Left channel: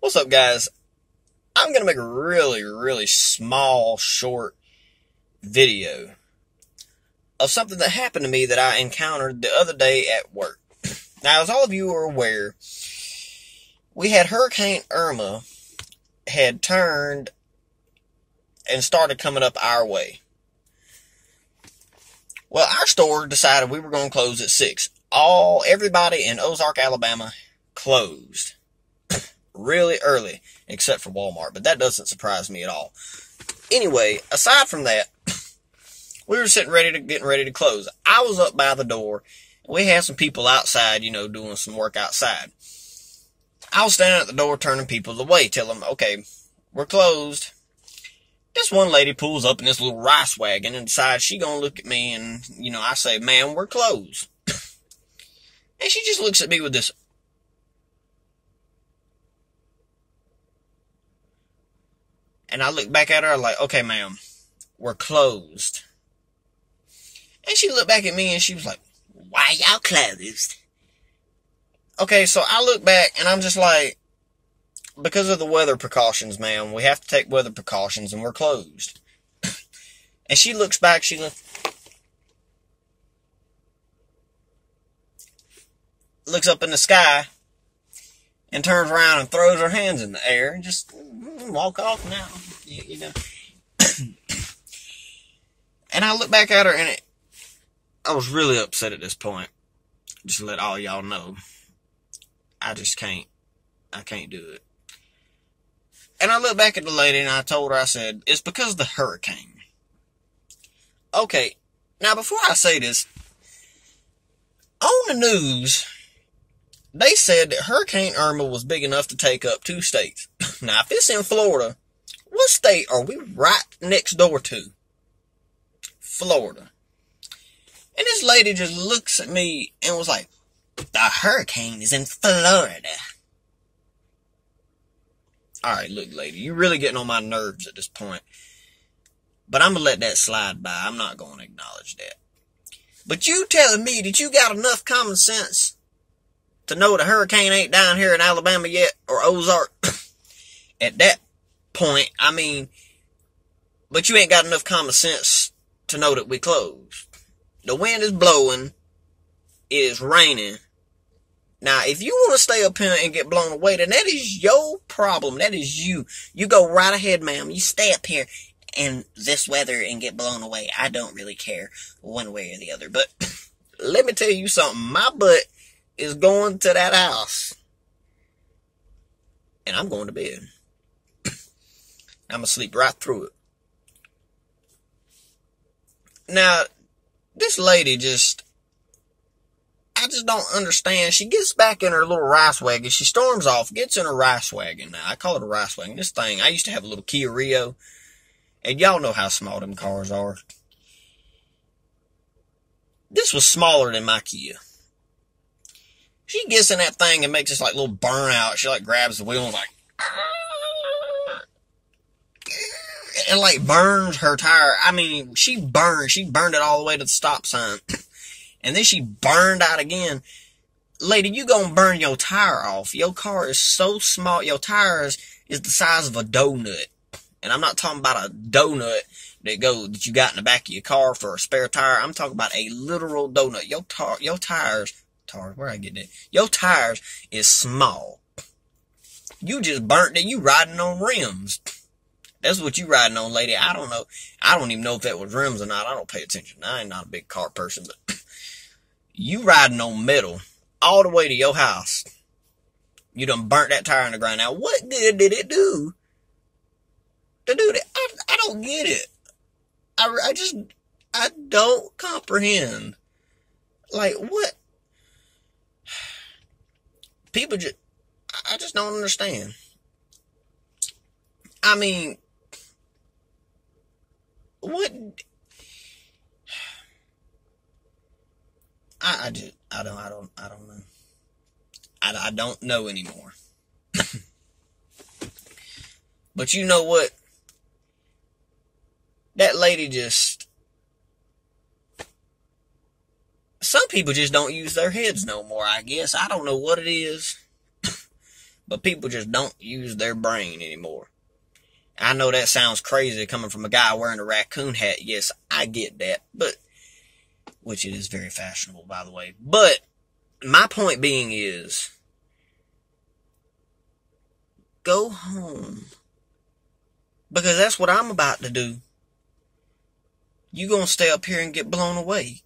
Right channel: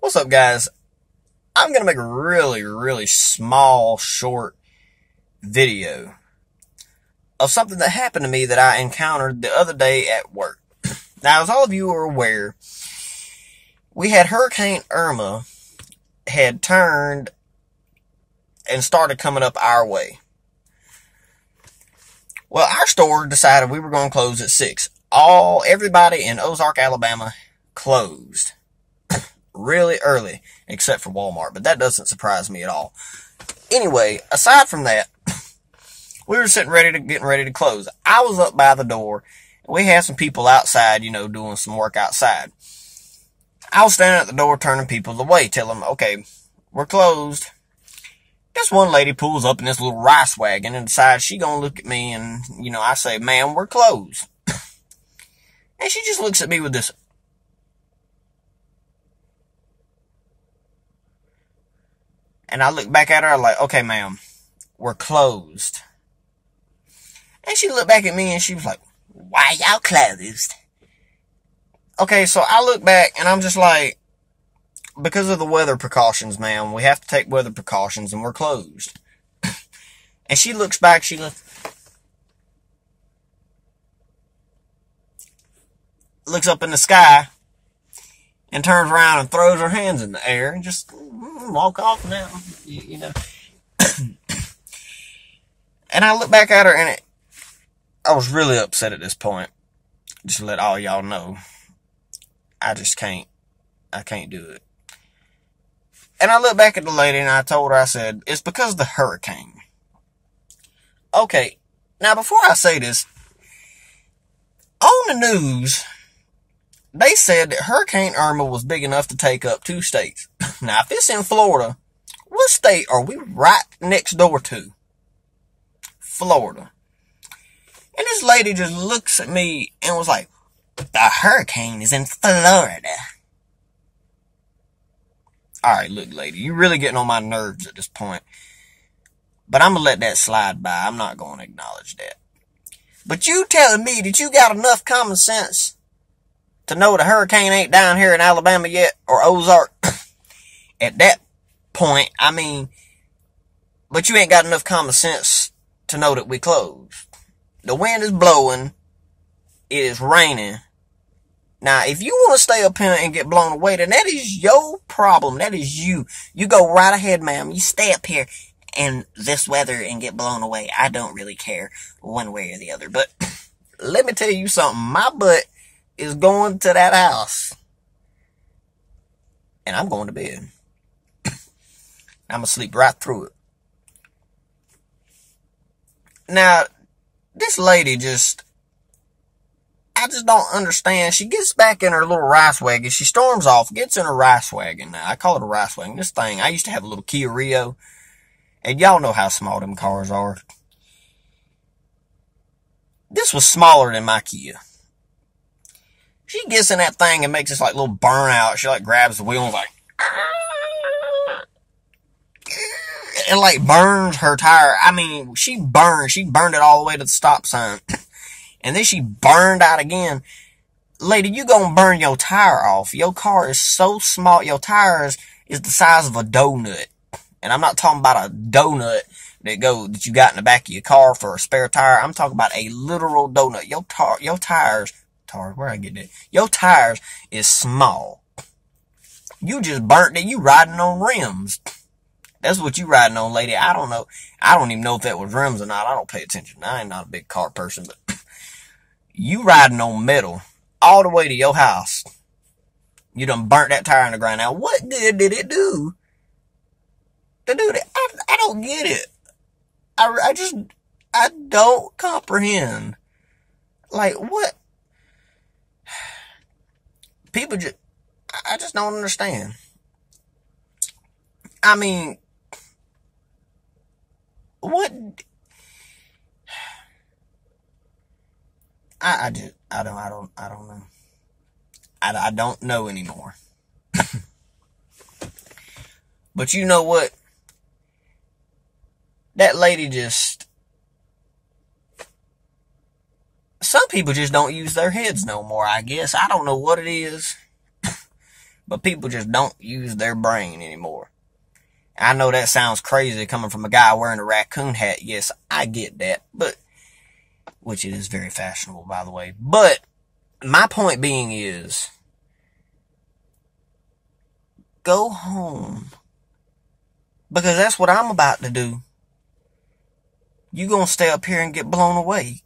What's up, guys? I'm going to make a really small, short video of something that happened to me that I encountered the other day at work. Now, as all of you are aware, we had Hurricane Irma had turned and started coming up our way. Well, our store decided we were going to close at 6. Everybody in Ozark, Alabama closed really early, except for Walmart, but that doesn't surprise me at all. Anyway, aside from that, we were getting ready to close. I was up by the door. We had some people outside, doing some work outside. I was standing at the door turning people away, telling them, okay, we're closed. This one lady pulls up in this little rice wagon and decides she gonna look at me and, I say, ma'am, we're closed. And she just looks at me with this, and I look back at her like, okay, ma'am, we're closed. And she looked back at me and she was like, why y'all closed? Okay, so I look back and I'm just like, because of the weather precautions, ma'am, we have to take weather precautions and we're closed. And she looks back, looks up in the sky and turns around and throws her hands in the air and just walk off now, And I look back at her and I was really upset at this point. Just to let all y'all know, I can't do it. And I looked back at the lady and I told her, I said, it's because of the hurricane. Okay, now before I say this, on the news, they said that Hurricane Irma was big enough to take up 2 states. Now, if it's in Florida, what state are we right next door to? Florida. And this lady just looks at me and was like, the hurricane is in Florida. Alright, look, lady, you're really getting on my nerves at this point. But I'm going to let that slide by. I'm not going to acknowledge that. But you telling me that you got enough common sense to know the hurricane ain't down here in Alabama yet, or Ozark? At that point, but you ain't got enough common sense to know that we closed. The wind is blowing. It is raining. Now, if you want to stay up here and get blown away, then that is your problem. That is you. You go right ahead, ma'am. You stay up here in this weather and get blown away. I don't really care one way or the other. But let me tell you something. My butt is going to that house. And I'm going to bed. I'm going to sleep right through it. Now, this lady I just don't understand. She gets back in her little rice wagon. She storms off, gets in her rice wagon. Now, I call it a rice wagon. This thing, I used to have a little Kia Rio. And y'all know how small them cars are. This was smaller than my Kia. She gets in that thing and makes this like little burnout. She like grabs the wheel and like, and like burns her tire. She burned it all the way to the stop sign. And then she burned out again. Lady, you gonna burn your tire off. Your car is so small. Your tires is the size of a donut. And I'm not talking about a donut that you got in the back of your car for a spare tire. I'm talking about a literal donut. Your tires, where I get that? Your tires is small. You just burnt it. You riding on rims. That's what you riding on, lady. I don't know. I don't even know if that was rims or not. I don't pay attention. I ain't not a big car person, but you riding on metal all the way to your house. You done burnt that tire in the ground. Now, what good did it do to do that? I don't get it. I don't comprehend. Like, what? People I just don't understand. What? I don't know. I don't know anymore. But you know what? That lady some people just don't use their heads no more, I guess. I don't know what it is. But people just don't use their brain anymore. I know that sounds crazy coming from a guy wearing a raccoon hat. Yes, I get that. But, which it is very fashionable, by the way. But, my point being is, go home. Because that's what I'm about to do. You gonna stay up here and get blown away.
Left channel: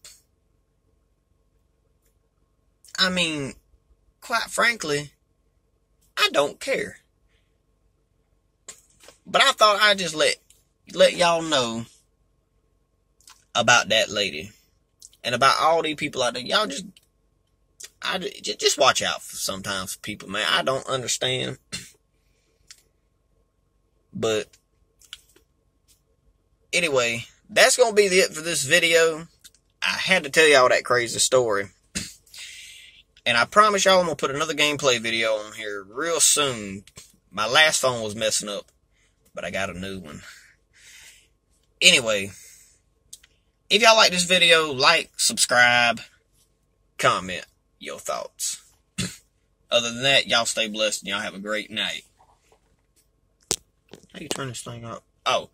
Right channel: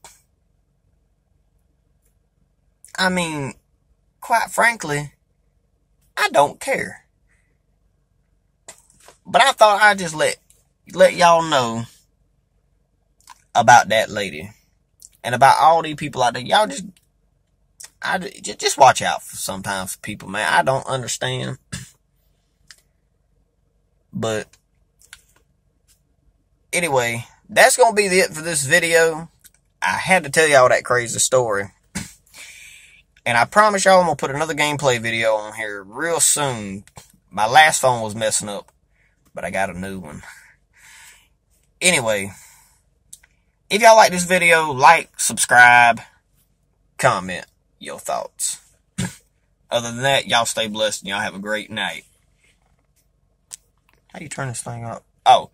I mean, quite frankly, I don't care. But I thought I'd just let y'all know about that lady. And about all these people out there. Y'all just watch out for sometimes people, man. I don't understand. But anyway, that's going to be it for this video. I had to tell y'all that crazy story. And I promise y'all I'm going to put another gameplay video on here real soon. My last phone was messing up, but I got a new one. Anyway, if y'all like this video, like, subscribe, comment your thoughts. Other than that, y'all stay blessed and y'all have a great night. How you turn this thing up? Oh.